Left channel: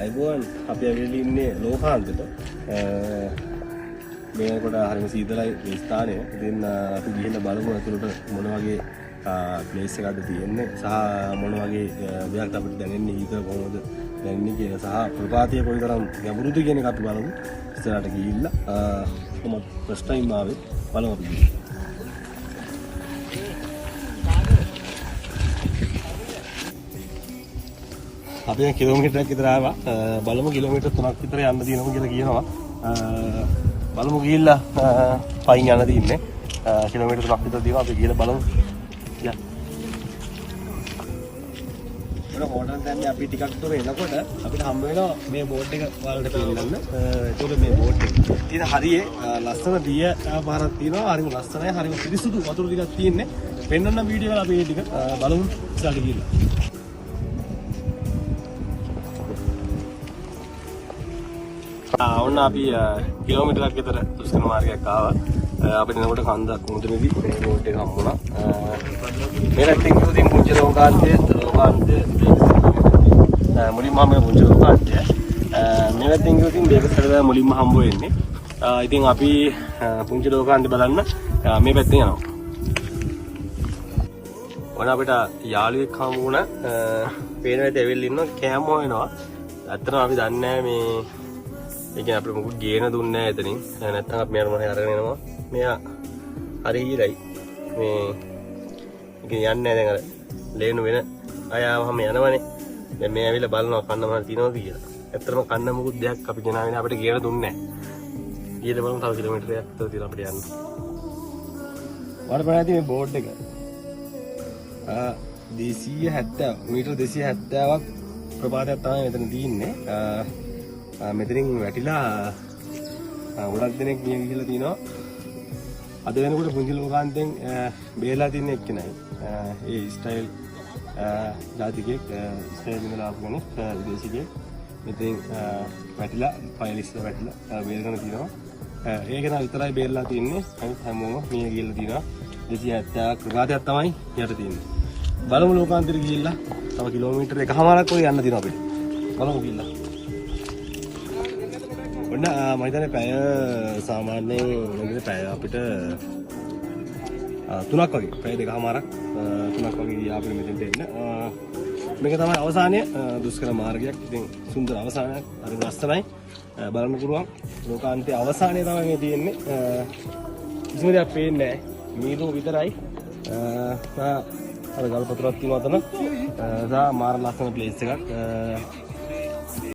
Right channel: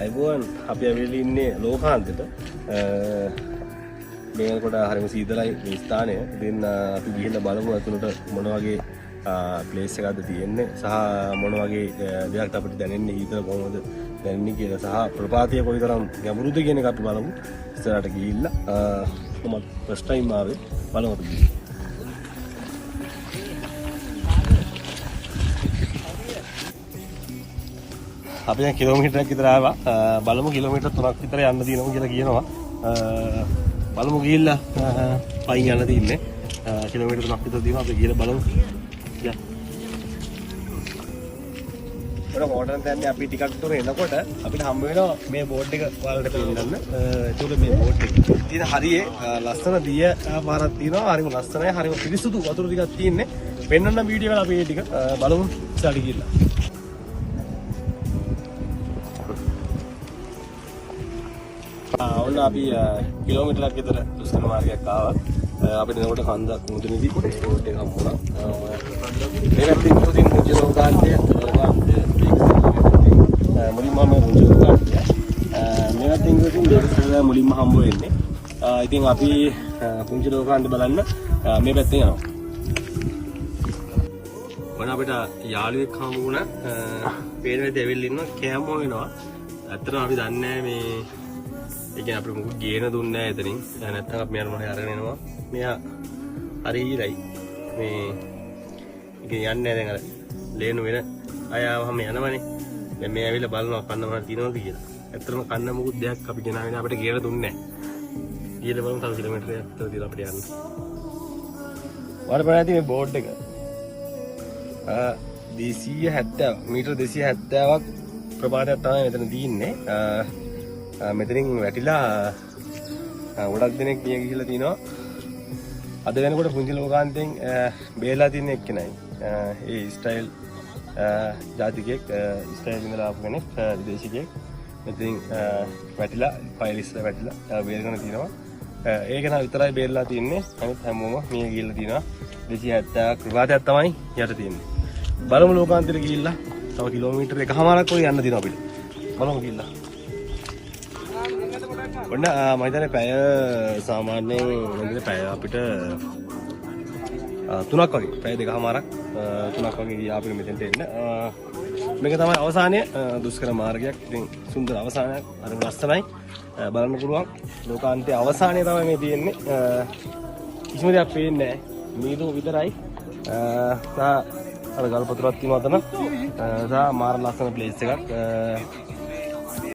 අයිබෝන් අපි ඇවිල්ලා ඉන්නේ ලෝකාන්තෙට. මේකට හරිම සීතලයි මේ ස්ථානය. ඉතින් අපි ගිහින් බලමු අතුලට මොන වගේ ප්ලේස් එකක්ද තියෙන්නේ සහ මොන වගේ දෙයක් අපිට දැනෙන්නේ ඊතල කොහොමද දැනෙන්නේ කියලා සහ ප්‍රපාතය කොයිතරම් ගැඹුරුද කියන එක අපි බලමු. ඉස්සරහට ගිහිල්ලා කොහොමද ෆස්ට් ටයිම් ආවේ බලමු අපි. අපි දැන් කිලෝමීටරයක් විතර ආවා. බලමු කිලෝමීටර් 3ක් විතර යන්න තියෙනවා කියලා කියනවා. බලමු ගිහිල්ලා පයින් යන්න තියෙන්නේ. කිලෝමීටර් 3ක් විතර තියෙනවා. අපි ගිහලා බලමු. ඔය හෝටල් දැන්නේ අපි ටිකක් දුර එනකොට අපිට හම්බ වෙනවා මේ බෝඩ් එක වලට පෙන්නන්න. ඒකට මේ බෝඩ් එක. ඉතින් හරියේ ලස්සන දිය පාරක් තියෙනවා. හරිම ලස්සනයි. හරිම පිරිසුදු වතුර ටිකක් තියෙන්නේ. පෙන්නන්න වීඩියෝ එක අපි මේ ටික බලමු. ඉස්සරහට ගිහිල්ලා. ඔන්න අපි කිලෝමීටරයක් විතර දුෂ්කර මාර්ගයක් ආවා. අපිට නමට කන්දක් මුදුනේදී රෝඩ් එක හම්බුණා. මේ රටේ කිව්වොතින් පුංචි ලෝකාන්තය මුලින්ම මේ පුංචි ලෝකාන්තය මේ රටේ කිව්වොතින් මේකට මුලින්ම හම්බ වෙන්නේ. ඉතින් අපි පුංචි ලෝකාන්තය බලන්න මේ පැත්තෙන් යනවා. ඔන්න අපිට යාළුවෙක් හම්බ වුණා. පේනවාද ඇවිල්ලා ඉන්නවා කෑම හොයනවා. ඇත්තටම අපි දන්නේ නැහැ මේ ඒ කියන්නේ අපිට මොකද ගේන දුන්නේ නැහැ එතනින්. නැත්නම් අපි මෙයාට මොහේ අරගෙන එනවා. මෙයා හරි ඉරයි. මේ යන්නේ නැහැ දැන් අර ලේනු වෙන අය ආවම යනවනේ. දැන් මේ ඇවිල්ලා බලනවා කන්න මොනවද තියෙනවද කියලා. ඇත්තටම කන්න මොකුත් දෙයක් අපි ගෙනාගෙන අපිට ගේන දුන්නේ නැහැ. ඊයේ බලමු තව කිලෝමීටරයක් විතර තියෙනවා අපිට යන්න. වරපරාදී මේ බෝඩ් එක 270 මීටර 270ක් ප්‍රපාතයක් තමයි මෙතන තියෙන්නේ. මෙතනින් වැටිලා ගොඩක් දෙනෙක් ගිය ගිහිල්ලා තිනවා. අද වෙනකොට පුංචි ලෝකාන්තයෙන් බේරලා තියෙන එක්කෙනයි. ඒ ස්ටයිල් ජාතිකයෙක් ස්ටයිල් ඉඳලා ආපු කෙනෙක් විදේශිකයෙක්. මෙතනින් වැටිලා ෆයිලිස් වැටිලා බේරගෙන තිනවා. ඒක නා විතරයි බේරලා තින්නේ. අනිත් හැමෝම මිය ගිහිල්ලා තිනවා. 270ක් ප්‍රපාතයක් තමයි යට තියෙන්නේ. බලමු ලෝකාන්තයට ගිහිල්ලා තව කිලෝමීටර් එකමාරක් වගේ යන්න තියෙනවා අපිට. බලමු ගිහිල්ලා. ඔන්න මම හිතන්නේ පැය සාමාන්‍යයෙන් පැය අපිට 3ක් වගේ පැය දෙකමාරක් 3ක් වගේ ගියා අපිට මෙතෙන්ට එන්න. මේක තමයි අවසානයේ දුෂ්කර මාර්ගයක්. ඉතින් සුන්දර අවසානයක්. අර ලස්සනයි. බලන්න පුළුවන්. ලෝකාන්තයේ අවසානයේ තමයි මේ තියෙන්නේ. කිසිම දෙයක් පේන්නේ නැහැ. මීදුම විතරයි. අර ගල් පතුරක් තියෙනවා තන. මාර ලස්සන ප්ලේස් එකක්.